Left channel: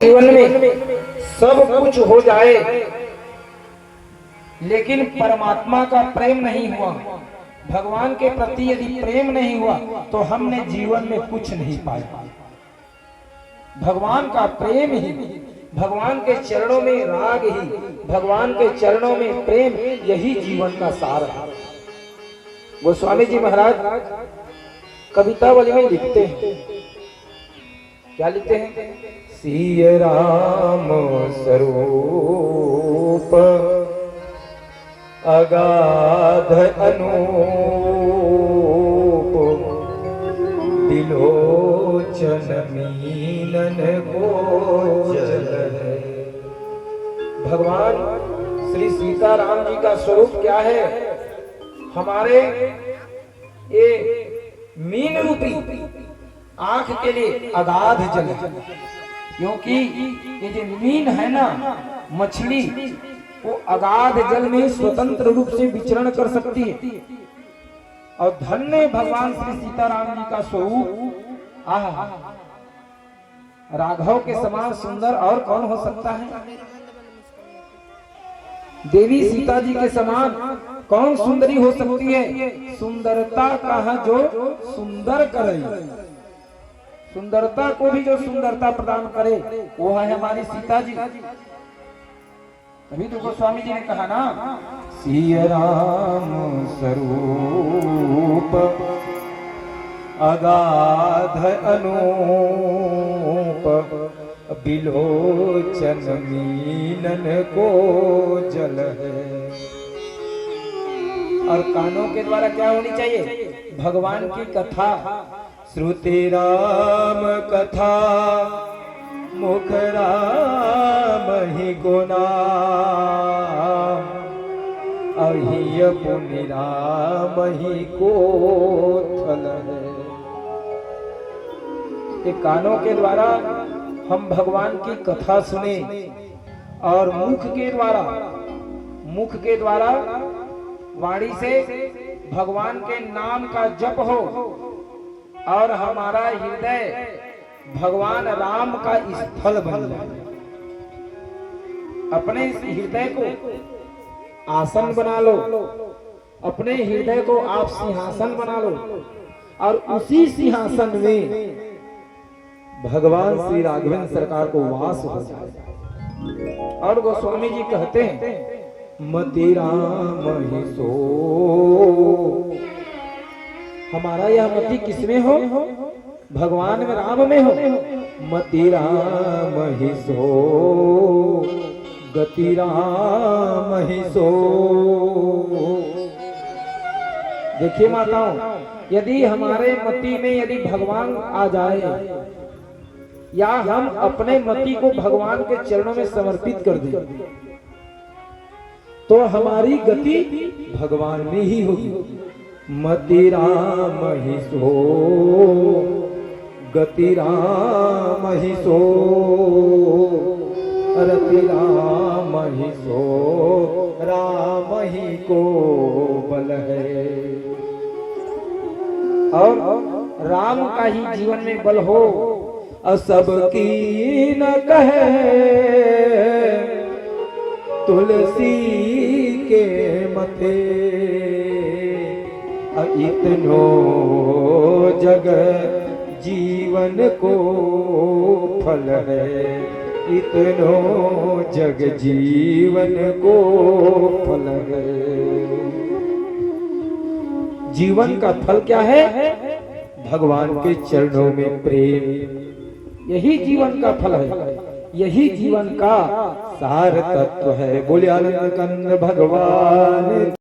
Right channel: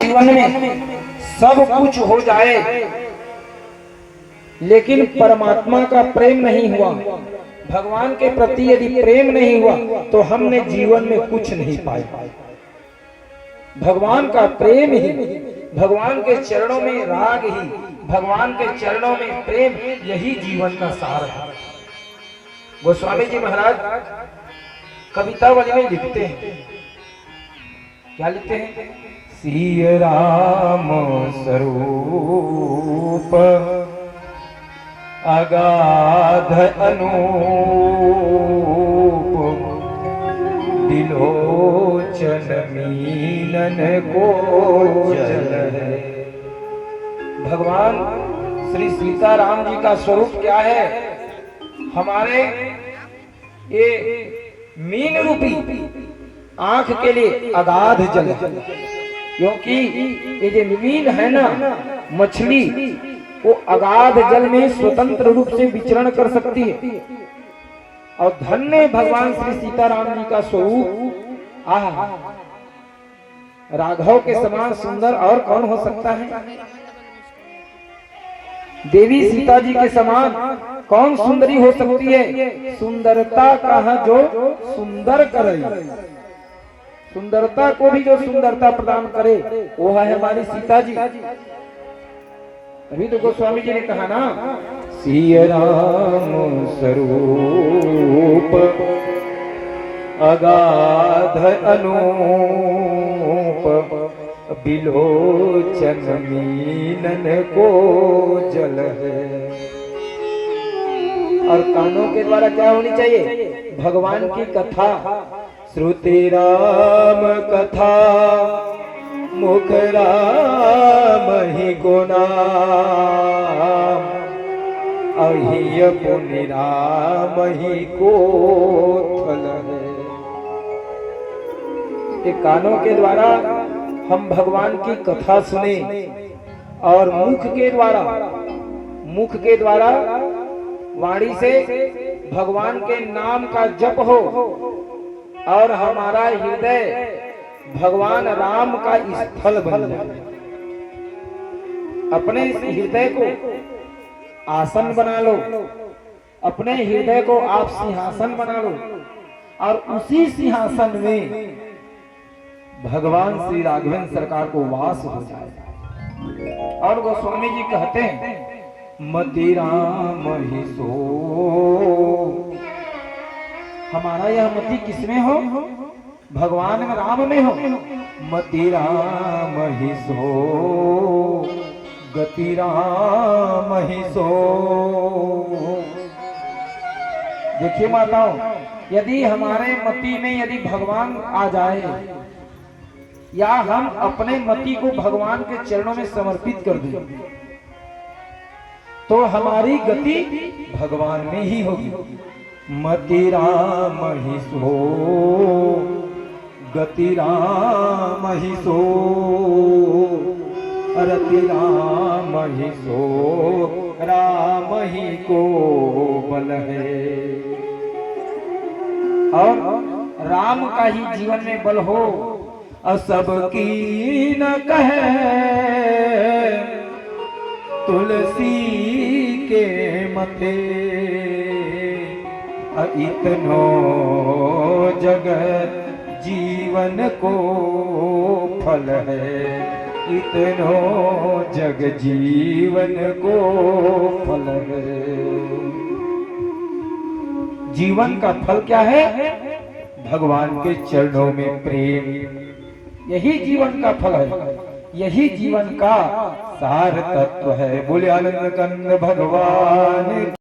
जीवन में सब कुछ हो जाए लेकिन परमात्मा का प्रेम नहीं हुआ, भगवान के प्रति यदि प्रेम नहीं हुआ तो हमने जीवन में कुछ नहीं पाया। भगवान का प्रेम ही, भगवान के चरणों में राग ही, भगवान के चरणों में प्रेम, यही जीवन का सार है। गोस्वामी जी महाराज कवितावली में लिखते हैं, क्या लिखते हैं? सिय राम स्वरूप अगाध अनूप, बिलोचन मीनन को जल है। भगवान श्री सीताराम जी का स्वरूप क्या है? हमारे ये मीन रूपी आंख के लिए अगाध जल, क्योंकि ये जो मीन है ना, मछली, वो अगाध जल में स्वतंत्र रूप से विचरण कर सकती है। और धन्य भगवान श्री सीताराम जी का स्वरूप, आहा, राघव के समान सुंदर और कौन हो सकता है? देवी सीता जी के समान कौन सुंदरी हो सकती है? सुंदरता कहा जो सुंदर करे, सुंदरता को भी जो सुंदरता प्रदान करे वो है हमारी सीता जी। अभी तो गोस्वामी जी ने कहा ना, सिय राम स्वरूप अगाध अनूप, बिलोचन मीनन को जल है। और कानों के द्वारा क्या होनी चाहिए? भगवान की कथा, श्रुति राम कथा, मुख राम ही गुनाम, अहिय पुनि राम ही को थल है। ये कानों के द्वारा हम भगवान की कथा सुने और मुख के द्वारा वाणी से भगवान के नाम का जप हो और हमारा हृदय भगवान राम का स्थल बन जाए। अपने इस हृदय को आसन बना लो, अपने हृदय को आप सिंहासन बना लो और उसी सिंहासन में भगवान श्री राघवेंद्र सरकार को वास हो जाए। और गोस्वामी जी कहते हैं, मति राम ही सो, हमारा यह मति किसमें हो? भगवान में, राम में हो। मति राम ही सो, गति राम ही सो। देखिए माताओं, यदि हमारे मति में यदि भगवान आ जाए या हम अपने मति को भगवान के चरणों में समर्पित कर दें तो हमारी गति भगवान में ही होगी। मति राम ही सो, गति राम ही सो, रति राम ही सो, राम ही को बल है। और राम का ही जीवन में बल हो, असब की न कहे तुलसी के मथे, इतनो जगत जीवन को फल है, इतनो जग जीवन को फल है। जीवन का फल क्या है? भगवान के चरणों में प्रेम, यही जीवन का फल है, यही जीवन का सार तत्व है। बोले आनंद कंद भगवान।